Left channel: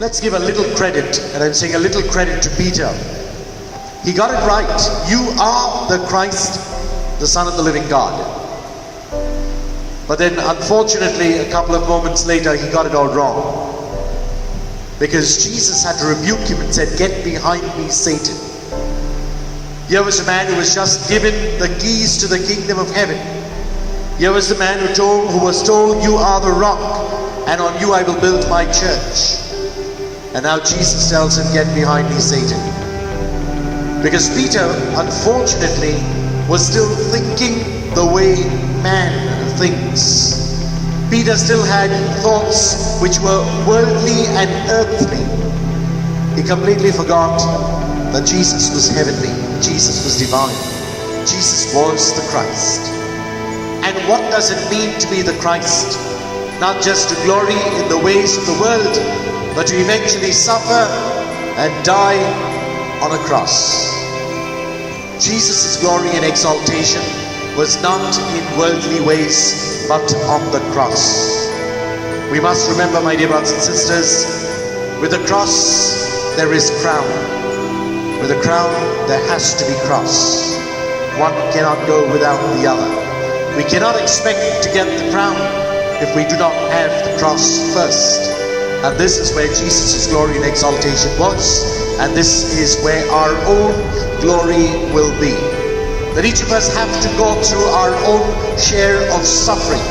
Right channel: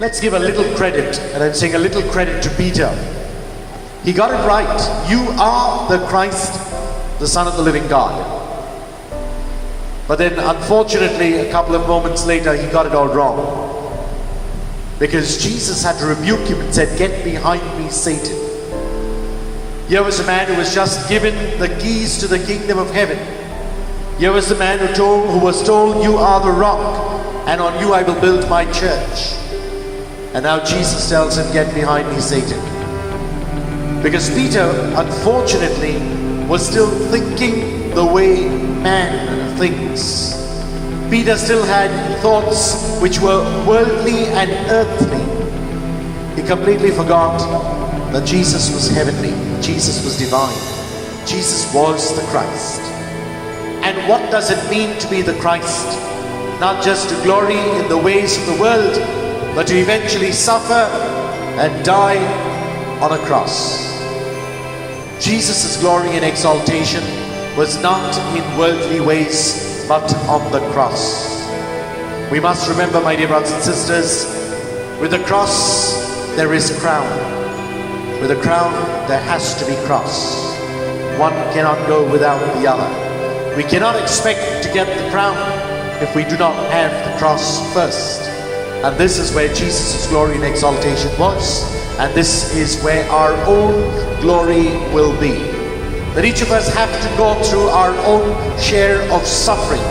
Let's give a little credit, and I'm saying a little credit to Peter. He got it right. You are the Christ, the Son of the living God. But then, unfortunately, a couple of moments later, he got it all wrong. Because Jesus had to rebuke him and said, "Get behind me, Satan." Here was a man who was just given the keys to the kingdom of heaven. Here was the man who was told, "You are the rock, and on you I will build my church." And now Jesus tells him, "Get behind me, Satan." Because Peter, unfortunately, was still thinking the way man thinks. Peter still had thoughts which were worldly and earthly. He completely forgot that Jesus was heavenly, Jesus was divine, Jesus was the Christ. And what does it mean to be the Christ? Not just to glory in the ways of the world, but to eventually suffer and die on a cross. Jesus' glory and exaltation was not in worldly ways, but on the cross. We must remember, my dear brothers and sisters, with the cross there is crown. With a crown there has to be cross. One cannot go without the other. We cannot expect to get the crown if we do not have the cross first. And this is where Jesus' glory and exaltation was, and this is where our own glory will be. That each of us have to go through our own share of suffering.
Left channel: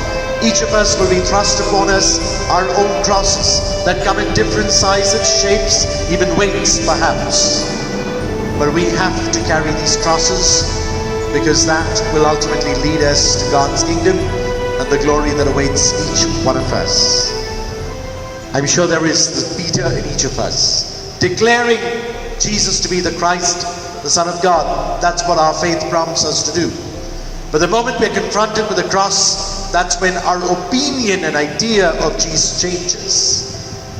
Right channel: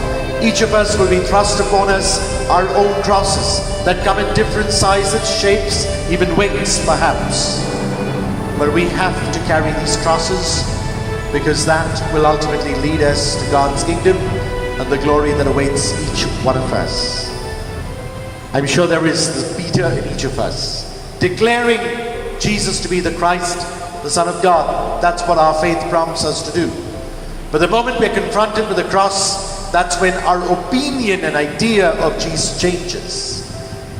Each of us will be thrust upon us our own crosses that come in different sizes, shapes, even weights perhaps. But we have to carry these crosses because that will ultimately lead us to God's kingdom and the glory that awaits each one of us. I'm sure there is the Peter in each of us, declaring Jesus to be the Christ, the Son of God. That's what our faith prompts us to do. But the moment we're confronted with the cross, that's when our opinion and idea of Jesus changes.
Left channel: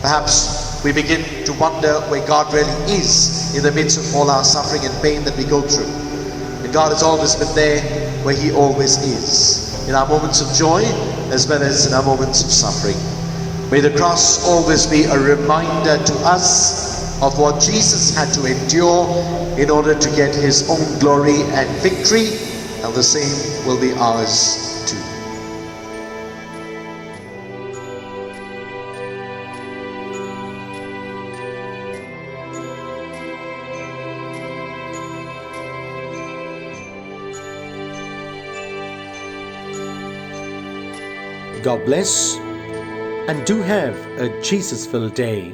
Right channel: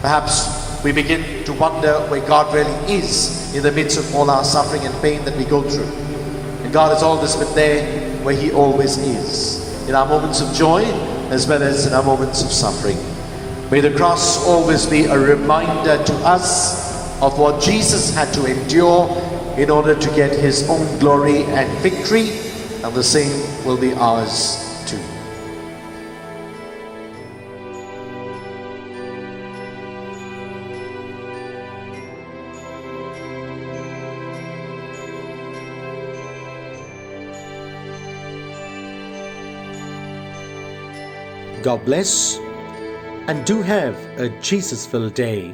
Perhaps we begin to wonder where God really is in the midst of all our suffering and pain that we go through. And God has always been there where He always is, in our moments of joy as well as in our moments of suffering. May the cross always be a reminder to us of what Jesus had to endure in order to get His own glory and victory, and the same will be ours too. God bless, and do have a Jesus-filled day.